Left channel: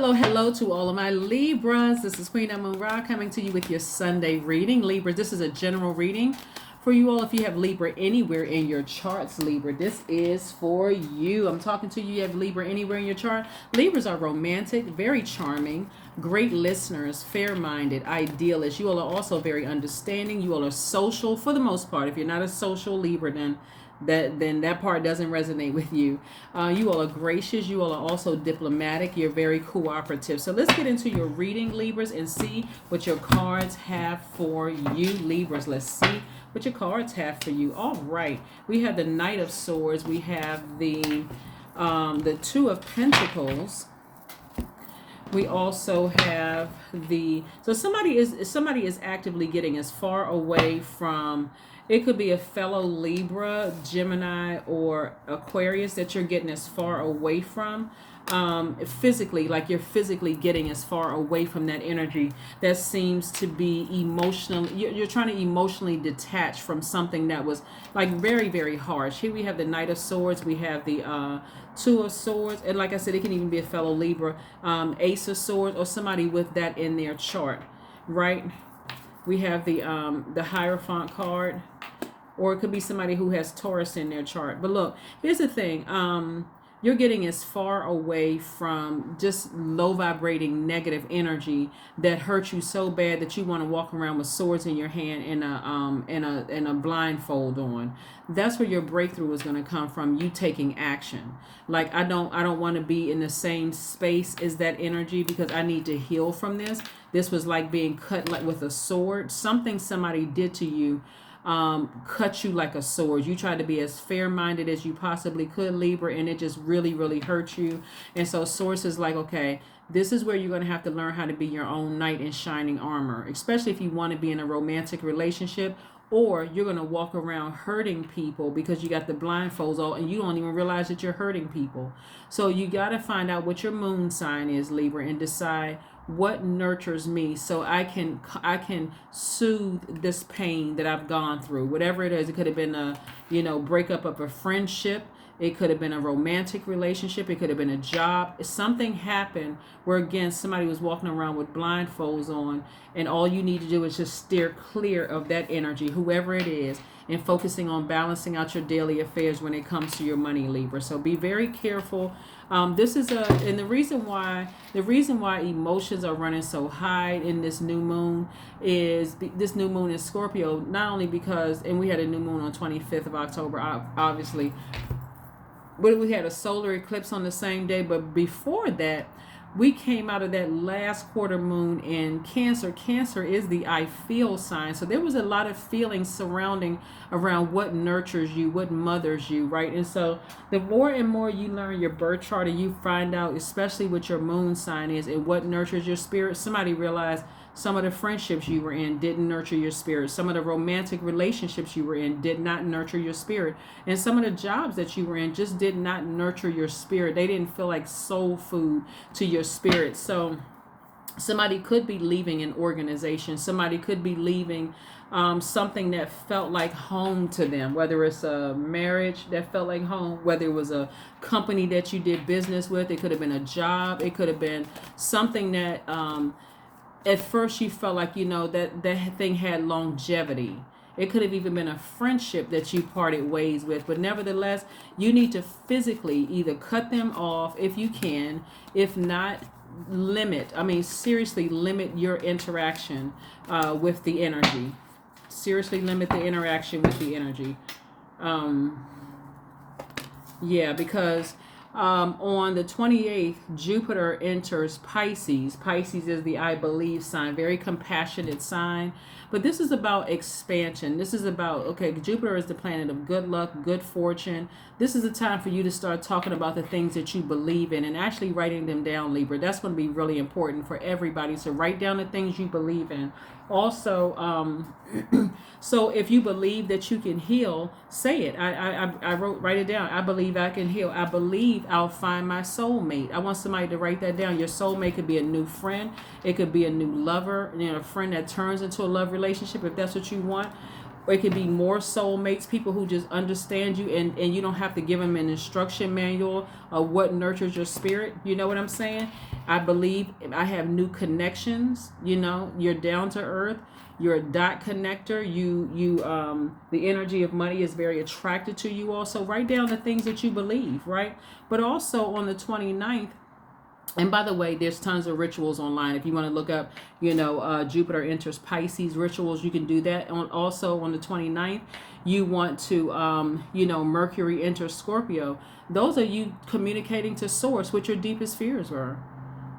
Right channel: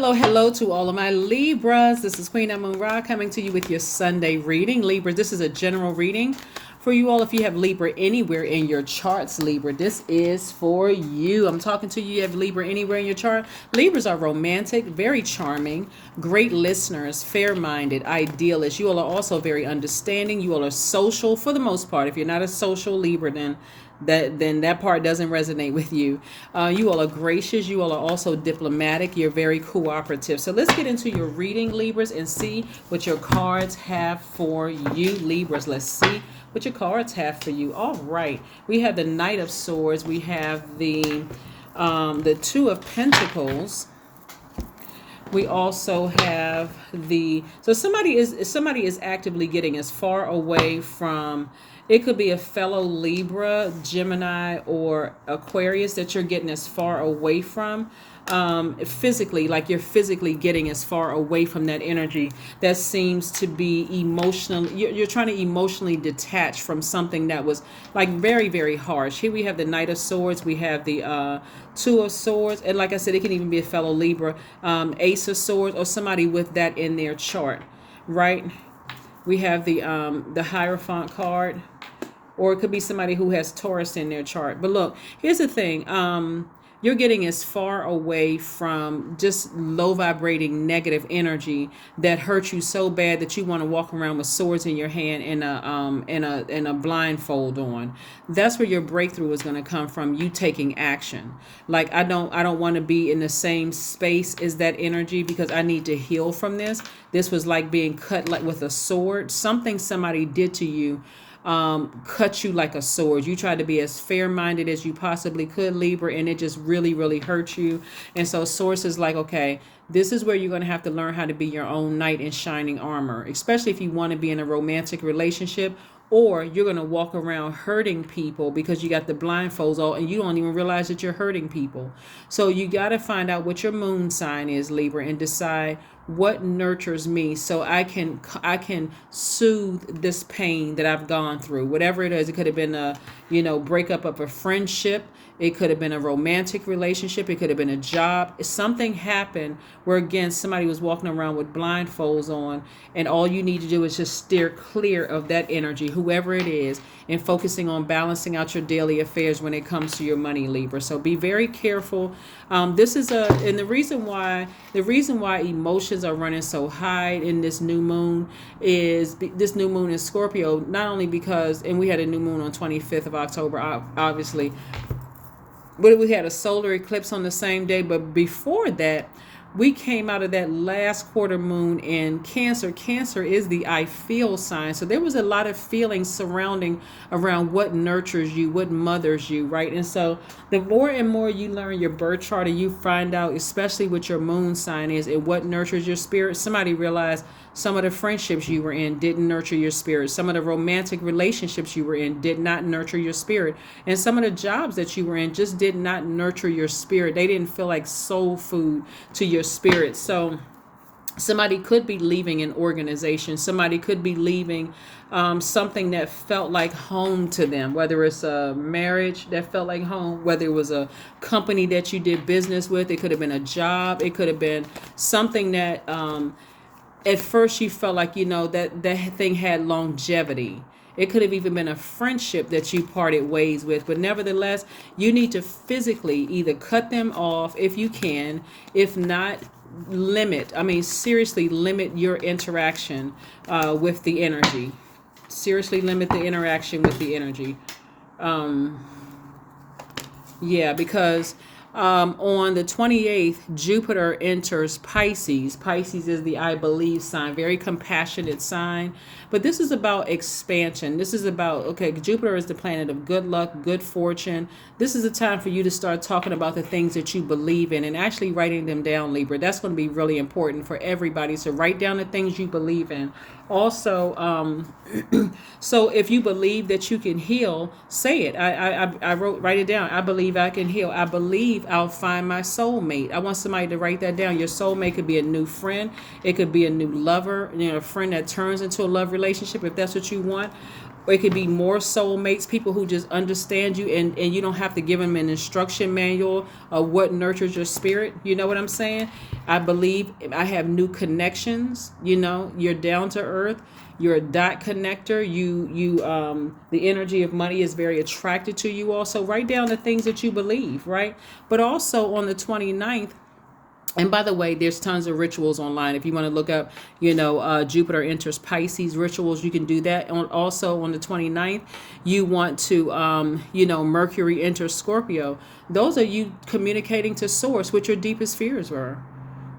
Hello to all of my Libras. This is Queen Amun Ra coming to you with your Sunday reading. Libra, this is a general reading for you all. If you have Libra anywhere in your charts, Libra, this is for you. I'm talking to you. You have Libra anywhere in your chart. Libras are romantic, very charming, great listeners, fair-minded, idealists. You all are also very understanding. You all are social for the most part. If you're not a social Libra, then that part doesn't resonate with you. You all are gracious. You all are also diplomatic. You're very cooperative. So let's get into your reading, Libras, and see what your cards have for you, Libras. Let's see what your cards have for you. All right. We have the Knight of Swords. We have the Two of Pentacles. We also have somebody is actively getting as far away from. It could be a fellow Libra, Gemini, or Aquarius that you're getting as far away from physically, like you're physically getting as far away from that energy that seems to be emotional. You're trying to emotionally detach from something that was like very, very harsh. Here we have the Knight of Swords. We have the Two of Swords. And like I said, it can even be a fellow Libra, Ace of Swords, or somebody with that in their chart, right? We have the Hierophant card, or it could be somebody who has Taurus in their chart. But look, here's the thing. You're getting as far away from just low vibrating negative energy that hurts you so bad that you want to walk around with swords in your hand and a blindfold on. That's where your breakthrough is going to come from, you taking action. Like I don't want to be in the same space as that energy because I need to heal from this. This was like being cut like with a sword. Something somebody did to you cut you like a sword. You tried to be as fair-minded as you possibly could, Libra, and it just really, really hurt you. And so Source is like, okay, this is where you're going to have to learn how to be your own knight in shining armor, especially if you want to be in a romantic relationship, or you're going to walk around hurting people because you got the blindfolds on and you don't even realize that you're hurting people. So you got to find out what your moon sign is, Libra, and decide what nurtures me so I can soothe this pain that I've gone through. Whatever it is, it could have been a breakup of a friendship. It could have been a romantic relationship. It could have been a job. Something happened where, again, somebody was walking around with blindfolds on, and all you need to do is just steer clear of that energy, whoever it is, and focusing on balancing out your daily affairs when it comes to your money, Libra. So be very careful. And the reason why emotions are running so high in this new moon is this new moon in Scorpio, not only because, and we had a new moon on 25th of October, obviously, but we had a solar eclipse on the same day. But before that, we came out of that last quarter moon in Cancer. Cancer is the I feel sign. So there was a lot of feelings surrounding around what nurtures you, what mothers you, right? And so the more and more you learn your birth chart and you find out, especially what your moon sign is and what nurtures your spirit, somebody realized some of the friendships you were in didn't nurture your spirit. Some of the romantic relationships you were in did not nurture your spirit. And some of the jobs that you were in just did not nurture your spirit. They didn't feel like soul food to your spirit. So somebody could be leaving an organization. Somebody could be leaving something that felt like home to them, whether it's a marriage that felt like home, whether it was a company that you did business with. It could have been a job. It could have been something that at first you felt like, that thing had longevity. It could have even been a friendship that you parted ways with. But nevertheless, you need to physically either cut them off if you can. If not, seriously limit your interaction with the energy. Seriously limit the interaction with the energy. Because on the 28th, Jupiter enters Pisces. Pisces is the I believe sign, very compassionate sign. But this is about expansion. This is about, Jupiter is the planet of good luck, good fortune. This is a time for you to start talking about the things that you believe in and actually writing them down, Libra. That's going to be really important for everybody. So write down the things you believe in. Also, so if you believe that you can heal, say it. Write it down. I believe I can heal. I believe I'll find my soulmate. I want somebody to write that down. Your soulmate could be a new friend. It could be a new lover, a friend that turns into a love relationship if that's what you want. Or it could be more soulmates, people who just understand you and you don't have to give them an instruction manual of what nurtures your spirit. You know what I'm saying? I believe I have new connections. You're down to earth. You're a dot connector. The energy of money is very attracted to you. Also, write down the things that you believe, right? But also on the 29th, and by the way, there's tons of rituals online. If you want to look up, Jupiter enters Pisces rituals, you can do that. Also on the 29th, you want to, Mercury enters Scorpio. Those are you communicating to source what your deepest fears were.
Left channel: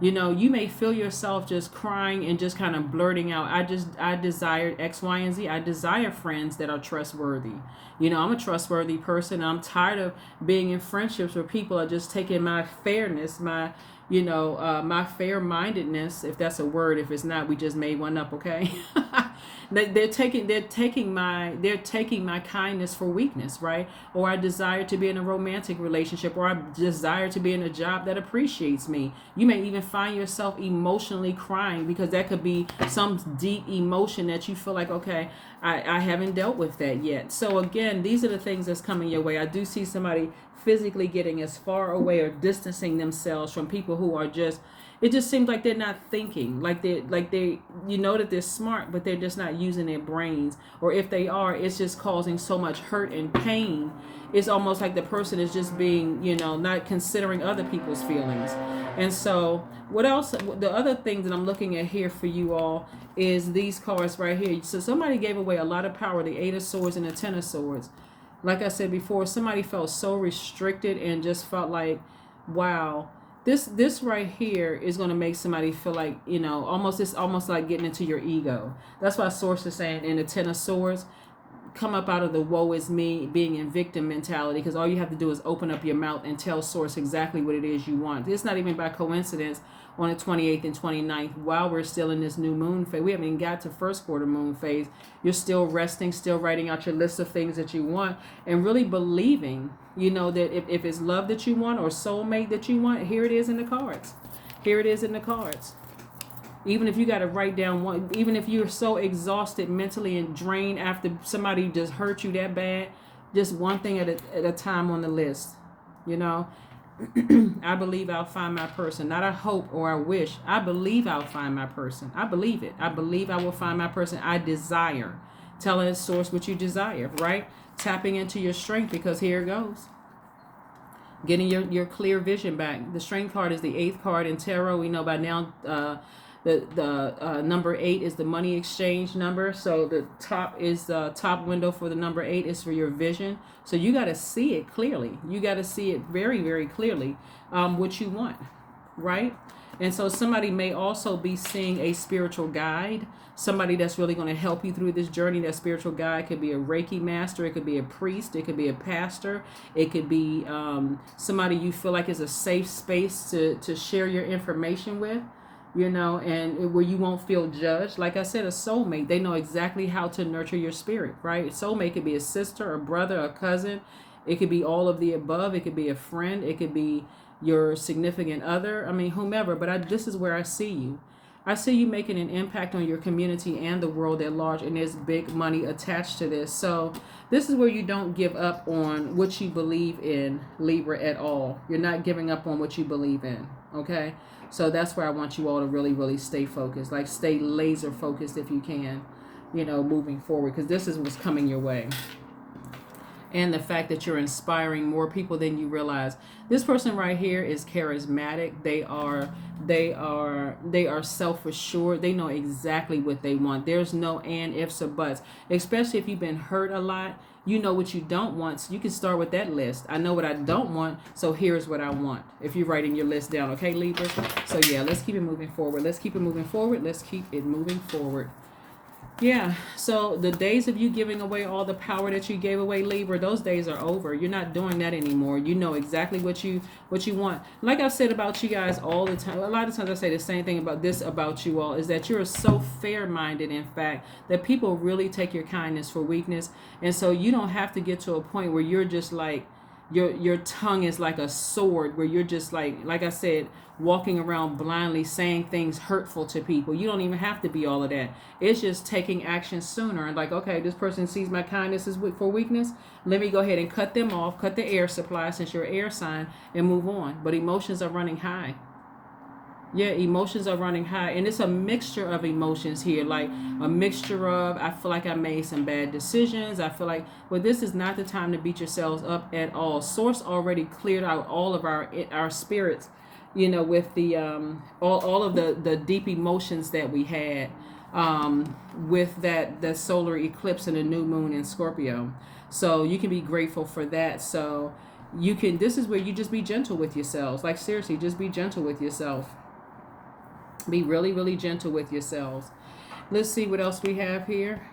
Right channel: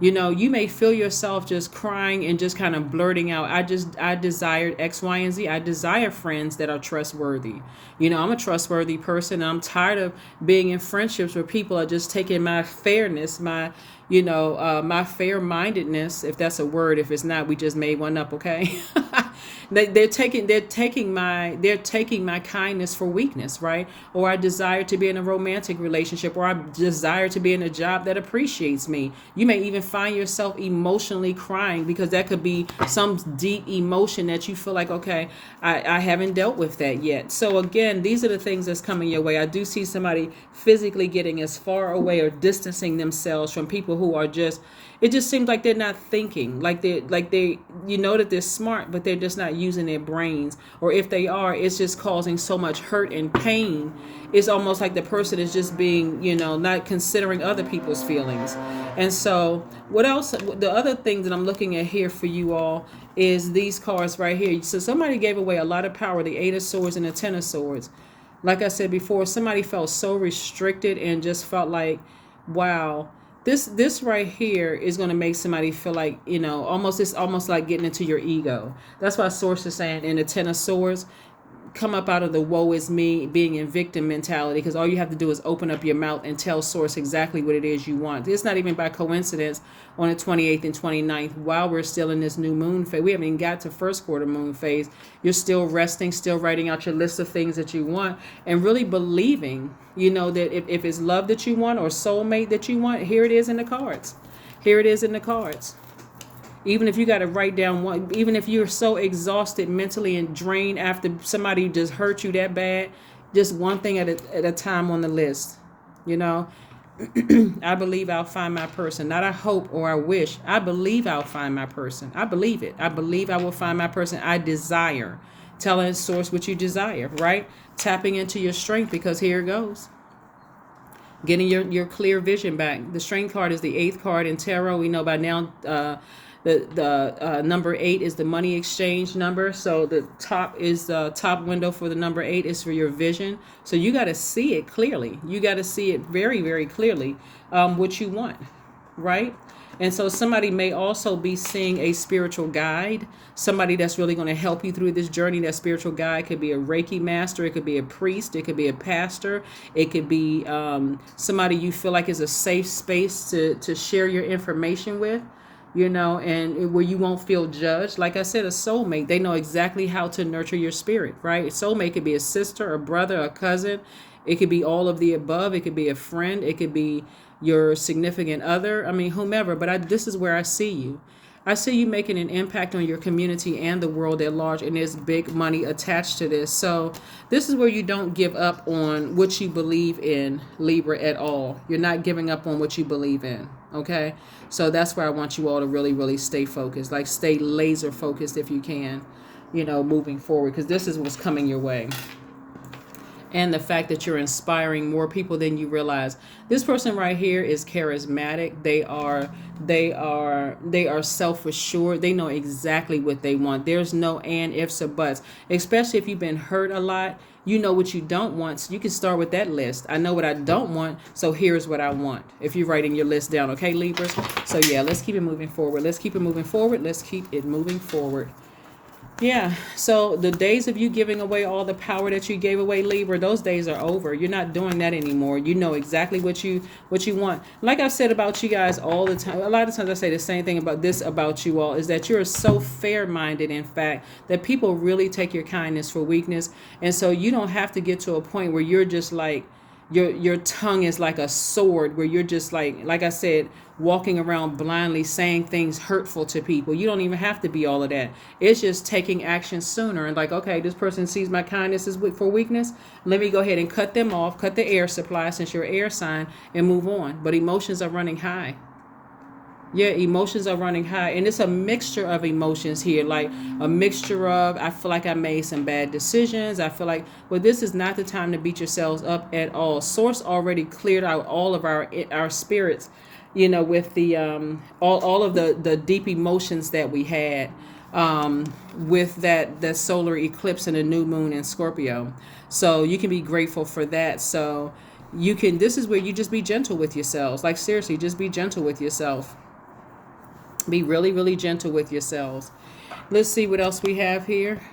You may feel yourself just crying and just kind of blurting out, I desired X, Y, and Z. I desire friends that are trustworthy. I'm a trustworthy person. I'm tired of being in friendships where people are just taking my fairness, my fair-mindedness, if that's a word. If it's not, we just made one up, okay? They're taking my kindness for weakness, right? Or I desire to be in a romantic relationship, or I desire to be in a job that appreciates me. You may even find yourself emotionally crying because that could be some deep emotion that you feel like, okay, I haven't dealt with that yet. So again, these are the things that's coming your way. I do see somebody physically getting as far away or distancing themselves from people who are just, it just seems like they're not thinking, like they that they're smart, but they're just not using their brains. Or if they are, it's just causing so much hurt and pain. It's almost like the person is just being, not considering other people's feelings. And so what else? The other thing that I'm looking at here for you all is these cards right here. So somebody gave away a lot of power, the Eight of Swords and the Ten of Swords. Like I said before, somebody felt so restricted and just felt like, wow, this right here is going to make somebody feel like, it's almost like getting into your ego. That's why Source is saying in the Ten of Swords, come up out of the woe is me, being in victim mentality, because all you have to do is open up your mouth and tell Source exactly what it is you want. It's not even by coincidence on the 28th and 29th, while we're still in this new moon phase. We haven't even got to first quarter moon phase. You're still resting, still writing out your list of things that you want, and really believing, that if it's love that you want or soulmate that you want, here it is in the cards. Here it is in the cards. Even if you got to write down one, even if you're so exhausted mentally and drained after somebody just hurt you that bad, just one thing at a time on the list. I believe I'll find my person. Not I hope or I wish. I believe I'll find my person. I believe it. I believe I will find my person I desire. Telling Source what you desire, right? Tapping into your strength, because here it goes. Getting your clear vision back. The strength card is the 8th card in tarot. We know by now the number 8 is the money exchange number. So the top window for the number 8 is for your vision. So you got to see it clearly. You got to see it very, very clearly, what you want, right? And so somebody may also be seeing a spiritual guide, somebody that's really going to help you through this journey. That spiritual guide could be a Reiki master. It could be a priest. It could be a pastor. It could be somebody you feel like is a safe space to share your information with, and where you won't feel judged. Like I said, a soulmate, they know exactly how to nurture your spirit, right? A soulmate could be a sister, a brother, a cousin. It could be all of the above. It could be a friend. It could be your significant other. I mean, whomever. But this is where I see you. I see you making an impact on your community and the world at large, and there's big money attached to this. So this is where you don't give up on what you believe in, Libra, at all. You're not giving up on what you believe in, okay? So that's where I want you all to really, really stay focused, like stay laser focused if you can, moving forward, because this is what's coming your way. And the fact that you're inspiring more people than you realize. This person right here is charismatic. They are self-assured. They know exactly what they want. There's no and, ifs, or buts. Especially if you've been hurt a lot, you know what you don't want. So you can start with that list. I know what I don't want, so here's what I want. If you're writing your list down, okay, Libra? So yeah, let's keep it moving forward. Let's keep it moving forward. Let's keep it moving forward. Yeah, so the days of you giving away all the power that you gave away, Libra, those days are over. You're not doing that anymore. You know exactly what you want. Like I've said about you guys all the time, a lot of times I say the same thing about you all, is that you're so fair-minded, in fact, that people really take your kindness for weakness. And so you don't have to get to a point where you're just like, your tongue is like a sword, where you're just like I said, walking around blindly saying things hurtful to people. You don't even have to be all of that. It's just taking action sooner and like, okay, this person sees my kindness is for weakness. Let me go ahead and cut them off, cut the air supply since you're air sign, and move on. But emotions are running high. Yeah, emotions are running high, and it's a mixture of emotions here, like a mixture of I feel like I made some bad decisions. I feel like, well, this is not the time to beat yourselves up at all. Source already cleared out all of our spirits, with the all of the deep emotions that we had with that solar eclipse and a new moon in Scorpio. So you can be grateful for that. So you can. This is where you just be gentle with yourselves. Like seriously, just be gentle with yourself. Be really, really gentle with yourselves. Let's see what else we have here.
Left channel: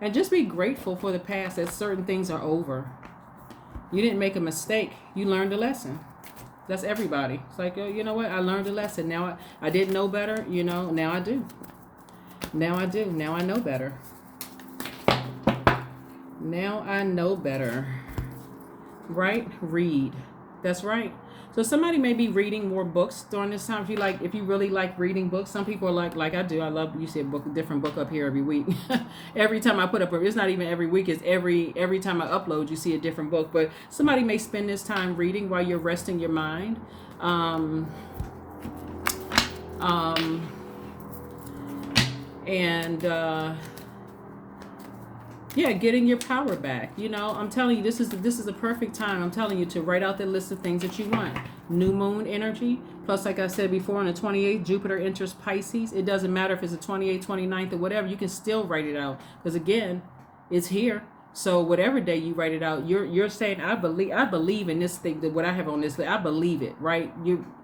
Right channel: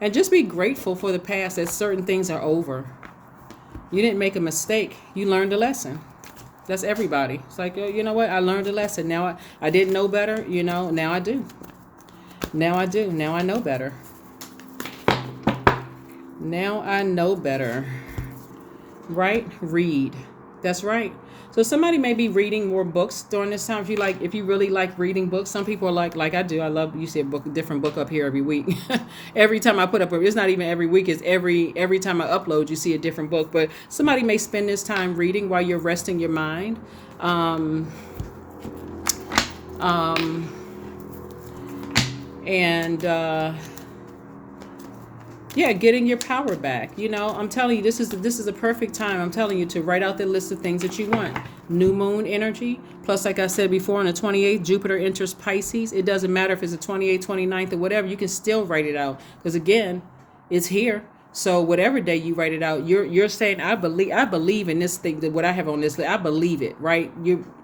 And just be grateful for the past that certain things are over. You didn't make a mistake. You learned a lesson. That's everybody. It's like, you know what? I learned a lesson. Now I didn't know better. Now I do. Now I do. Now I know better. Now I know better. Right? Read. That's right. So somebody may be reading more books during this time. If you really like reading books, some people are like I do. I love, you see a different book up here every week. Every time I put up, it's not even every week. It's every time I upload, you see a different book. But somebody may spend this time reading while you're resting your mind. Um, um, and yeah, getting your power back. I'm telling you, this is a perfect time. I'm telling you to write out the list of things that you want. New moon energy. Plus, like I said before, on the 28th, Jupiter enters Pisces. It doesn't matter if it's the 28th, 29th, or whatever. You can still write it out. Because again, it's here. So whatever day you write it out, you're saying, I believe in this thing, that what I have on this list, I believe it, right?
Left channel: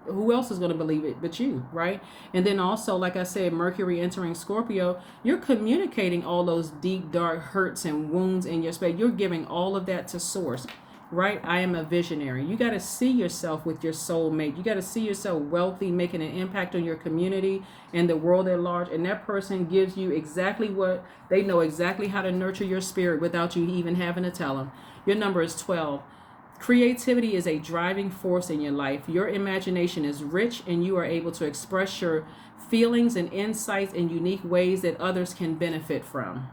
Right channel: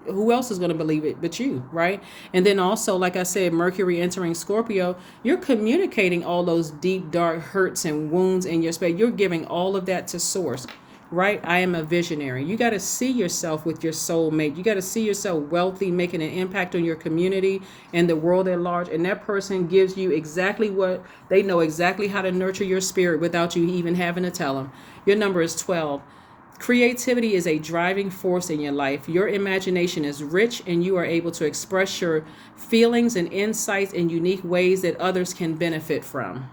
Who else is going to believe it but you, right? And then also, like I said, Mercury entering Scorpio, you're communicating all those deep, dark hurts and wounds in your space. You're giving all of that to source. Right? I am a visionary. You got to see yourself with your soulmate. You got to see yourself wealthy, making an impact on your community and the world at large. And that person gives you exactly what they know, exactly how to nurture your spirit without you even having to tell them. Your number is 12. Creativity is a driving force in your life. Your imagination is rich, and you are able to express your feelings and insights in unique ways that others can benefit from.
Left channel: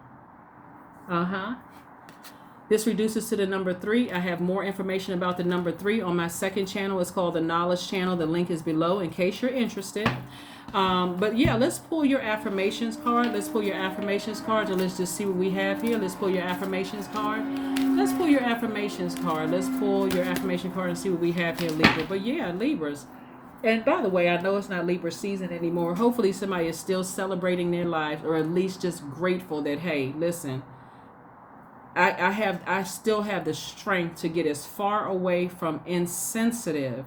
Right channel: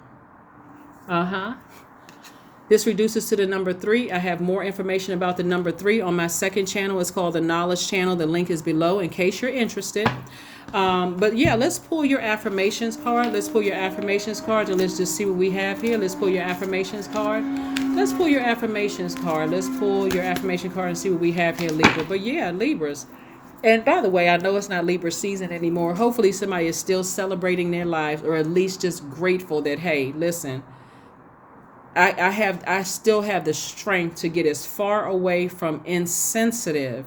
This reduces to the number 3. I have more information about the number 3 on my second channel. It's called the Knowledge Channel. The link is below in case you're interested. But yeah, let's pull your affirmations card. Let's pull your affirmations card, and let's just see what we have here. Let's pull your affirmations card. Let's pull your affirmations card. Let's pull your affirmation card and see what we have here, Libra. But yeah, Libras. And by the way, I know it's not Libra season anymore. Hopefully somebody is still celebrating their lives, or at least just grateful that, hey, listen, I still have the strength to get as far away from insensitive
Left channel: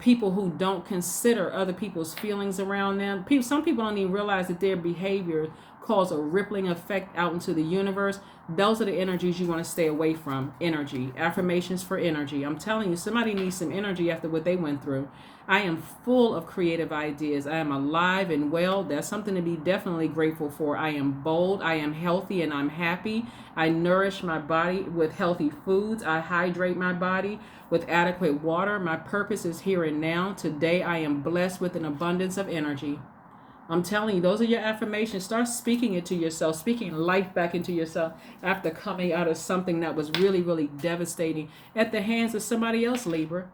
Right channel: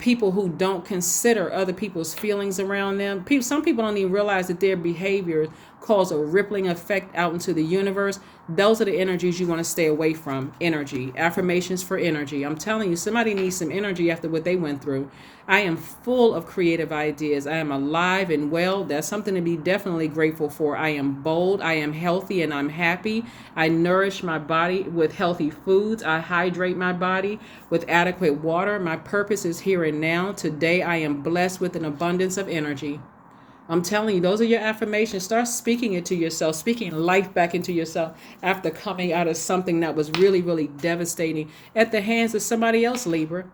people who don't consider other people's feelings around them. Some people don't even realize that their behavior cause a rippling effect out into the universe. Those are the energies you want to stay away from. Energy. Affirmations for energy. I'm telling you, somebody needs some energy after what they went through. I am full of creative ideas. I am alive and well. That's something to be definitely grateful for. I am bold. I am healthy and I'm happy. I nourish my body with healthy foods. I hydrate my body with adequate water. My purpose is here and now. Today I am blessed with an abundance of energy. I'm telling you, those are your affirmations. Start speaking it to yourself, speaking life back into yourself after coming out of something that was really, really devastating at the hands of somebody else, Libra.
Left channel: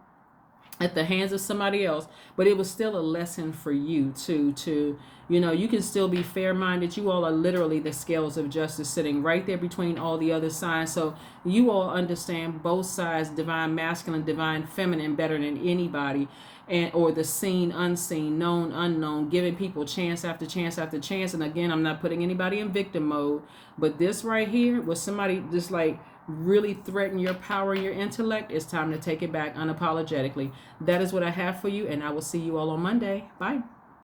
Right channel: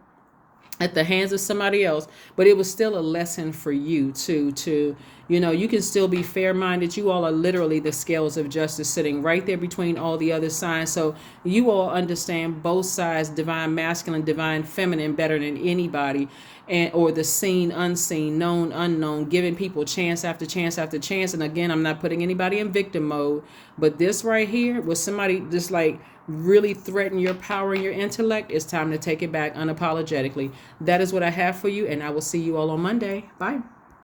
At the hands of somebody else, but it was still a lesson for you to you can still be fair-minded. You all are literally the scales of justice sitting right there between all the other signs, so you all understand both sides, divine masculine, divine feminine, better than anybody, and or the seen, unseen, known, unknown, giving people chance after chance after chance. And again, I'm not putting anybody in victim mode, but this right here was somebody just like really threaten your power and your intellect. It's time to take it back unapologetically. That is what I have for you, and I will see you all on Monday. Bye.